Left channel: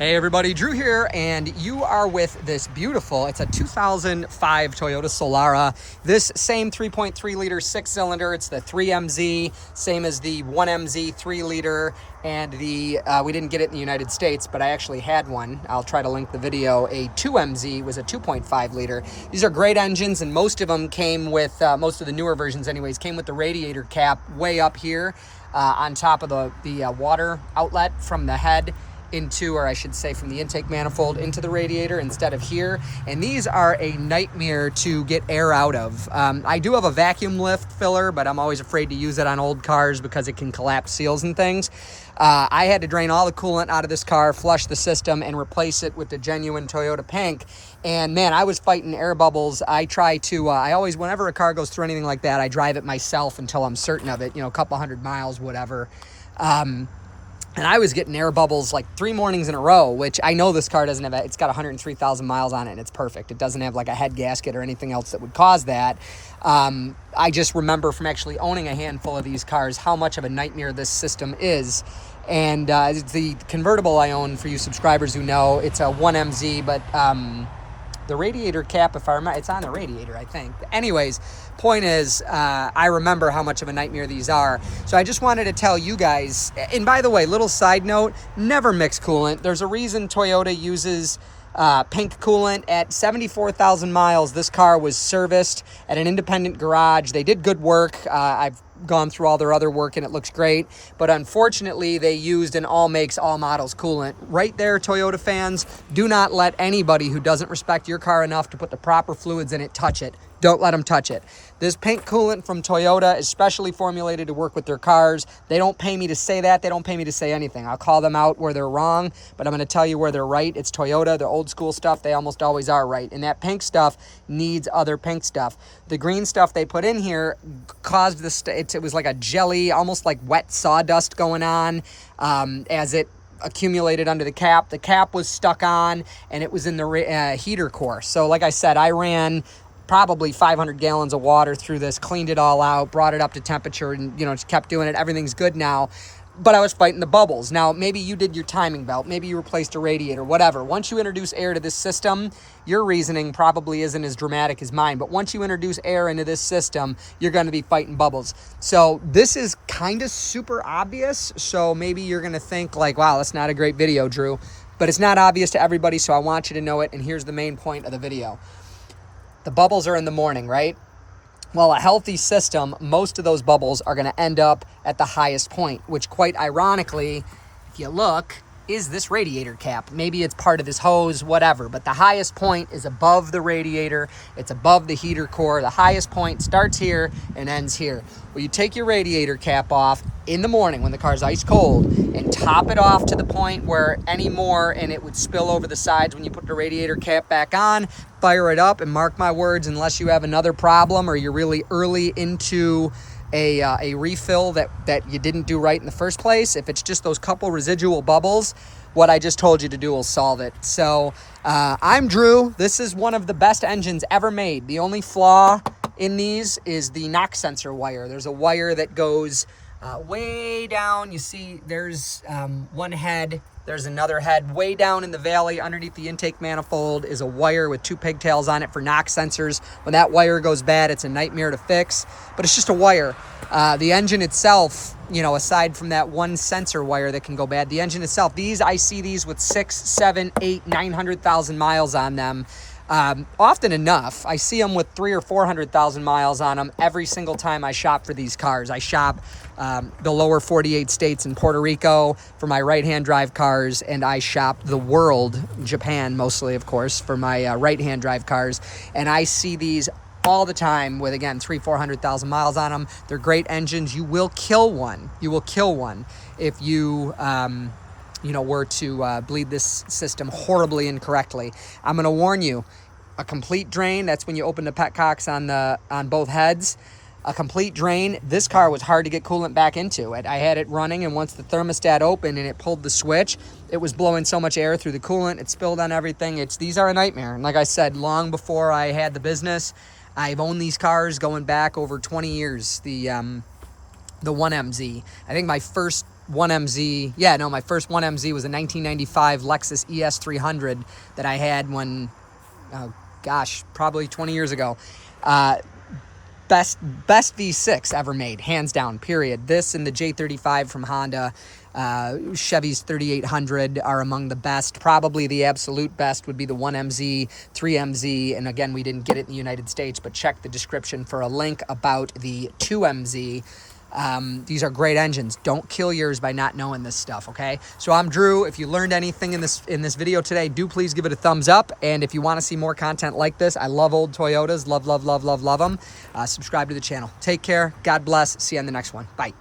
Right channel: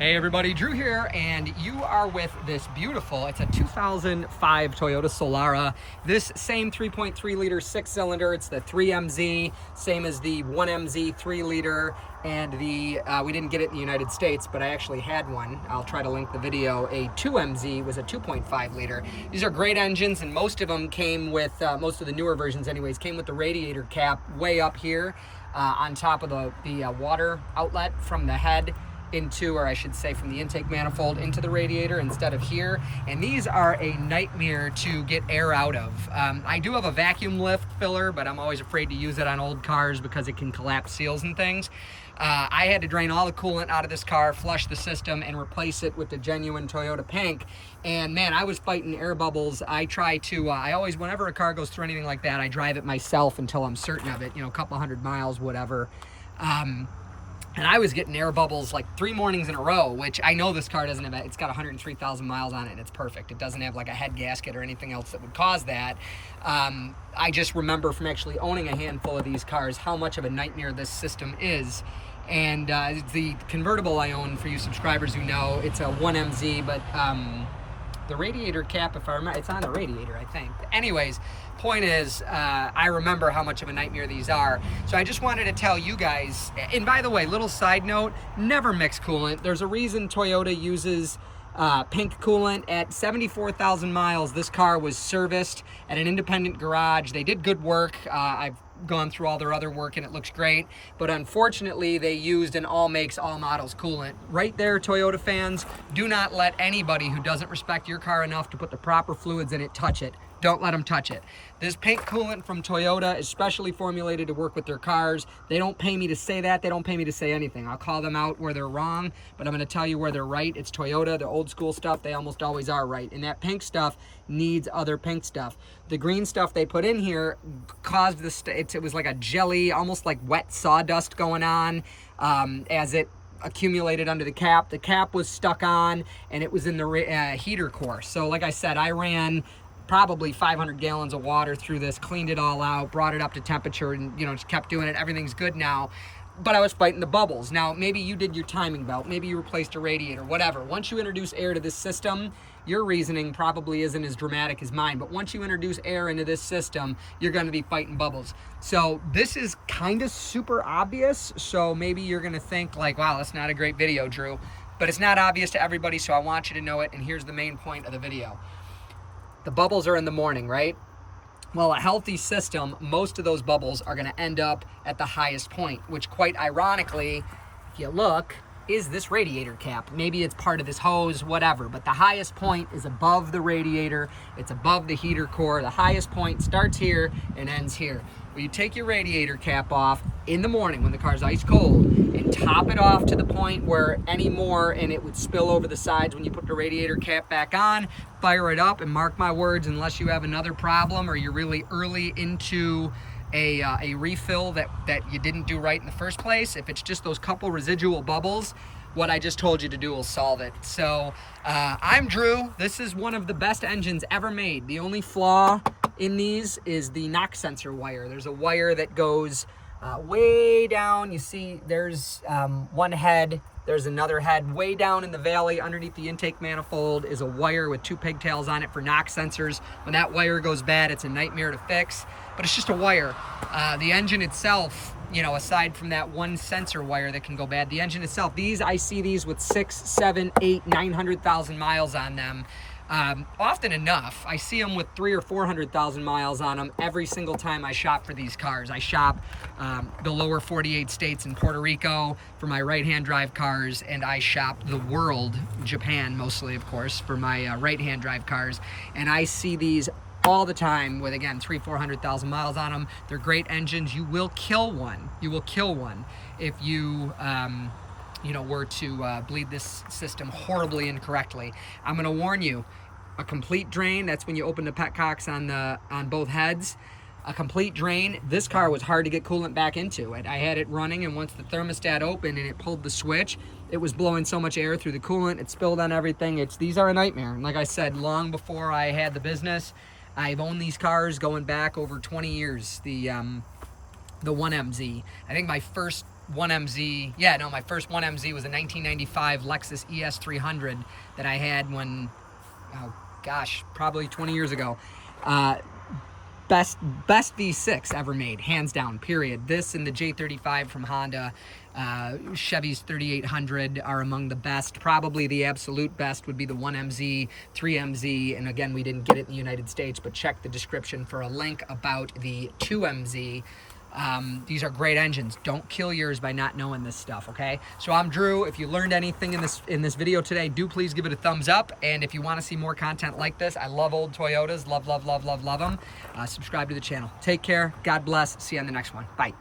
Hey everybody, Drew here, and you are with this beautiful, it's a 2005 Toyota Solara. This same 3.3 liter six cylinder, it's the 3MZ, same as the 1MZ 3 liter, and the, we didn't get it in the United States, but I actually had one. I'll try to link the video. A 2MZ was a 2.5 liter. These are great engines, and most of them came with, most of the newer versions anyways, came with the radiator cap way up here on top of the water outlet from the head into, or I should say from the intake manifold into the radiator instead of here. And these are a nightmare to get air out of. I do have a vacuum lift filler, but I'm always afraid to use it on old cars because it can collapse seals and things. I had to drain all the coolant out of this car, flush the system, and replace it with the genuine Toyota Pink. And man, I was fighting air bubbles. I try to, I always, whenever a car goes through anything like that, I drive it myself until I'm certain of it, you know, a couple hundred miles, whatever. And I was getting air bubbles like 3 mornings in a row, which I know this car doesn't have. It's got 103,000 miles on it, and it's perfect. It doesn't have like a head gasket or anything else that would cause that. I just remember from actually owning a handful of these cars how much of a nightmare this system is. And the convertible I own, for you subscribers who know, it's a 1MZ, but the radiator cap, if I remember, it's on the radiator, I think. Anyways, point is, I remember how much of a nightmare these are. So I just wanted to tell you guys, and by the way, little side note, never mix coolant. There's a reason Toyota uses pink coolant. At 74,000 miles, this car was serviced at an independent garage. They did good work. I've gone through all their other work and it looks great, but unfortunately they used an all makes all models coolant. Right there, Toyota fans, do not let anybody who doesn't respect your car enough to put the proper fluids in it touch it. Don't let them touch it. This pink coolant from Toyota is specially formulated to work with their cars. They don't pay me to say that. They don't pay me to say anything. I'll call them out where they're wrong, but I'm going to tell you where they're right. It's Toyota. The old school stuff, they almost always are right. And that pink stuff needs other pink stuff. The green stuff they put in here caused this, it was like a jelly, almost like wet sawdust going on as it accumulated under the cap. The cap was stuck on, and it was in the heater core. So like I said, I ran probably 500 gallons of water through this, cleaned it all out, brought it up to temperature, and just kept doing it. Everything's good now, but I was fighting the bubbles. Now, maybe you did your timing belt, maybe you replaced a radiator, whatever. Once you introduce air to this system, your reasoning probably isn't as dramatic as mine, but once you introduce air into this system, you're going to be fighting bubbles. So this is kind of super obvious, so maybe you're going to think like, wow, that's not a great video, Drew, but it's not obvious to everybody, so I want you to know it, and here's the main point of the video. The bubbles are in the morning, right? Well, a healthy system, most of those bubbles are going to end up at the highest point, which quite ironically, if you look, is this radiator cap. Maybe it's part of this hose, whatever, but the highest point is above the radiator. It's above the heater core. The highest point starts here and ends here. Well, you take your radiator cap off in the morning when the car's ice cold and top it off to the point where any more and it would spill over the sides when you put the radiator cap back on. Fire it up, and mark my words, unless you have another problem or you're really early into a refill that you didn't do right in the first place, if it's just those couple residual bubbles, what I just told you to do will solve it. So I'm Drew. This is one of the best engines ever made. The only flaw in these is the knock sensor wire. There's a wire that goes way down. You see there's one head. There's another head way down in the valley underneath the intake manifold is a wire with 2 pigtails on it for knock sensors. When that wire goes bad, it's a nightmare to fix, but it's just a wire. The engine itself, aside from that one sensor wire that can go bad, the engine itself, I see these with 6, 7, 8, 900,000 miles on them. Often enough, I see them with 300,000 or 400,000 miles on them every single time I shop for these cars. I shop the lower 48 states and Puerto Rico for my right-hand drive cars, and I shop the world, Japan mostly, of course, for my right-hand drive cars. And I see these all the time with, again, 300,000, 400,000 miles on them. They're great engines. You will kill one. You will kill one if you were to bleed this system horribly incorrectly. I'm going to warn you, a complete drain, that's when you open the petcocks on both heads. A complete drain, this car was hard to get coolant back into. I had it running, and once the thermostat opened and it pulled the switch, it was blowing so much air through the coolant, it spilled on everything. These are a nightmare. And like I said, long before I had the business, I've owned these cars going back over 20 years. The 1MZ. I think my first 1MZ, yeah, no, my first 1MZ was a 1995 Lexus ES300 that I had when, oh gosh, probably 20 years ago. Best V6 ever made, hands down, period. This and the J35 from Honda, Chevy's 3800 are among the best. Probably the absolute best would be the 1MZ, 3MZ, and again, we didn't get it in the United States, but check the description for a link about the 2MZ. These are great engines. Don't kill yours by not knowing this stuff, okay? So I'm Drew. If you learned anything in this video today, do please give it a thumbs up. And if you want to see more content like this, I love old Toyotas. Love them. Subscribe to the channel. Take care. God bless. See you on the next one. Bye.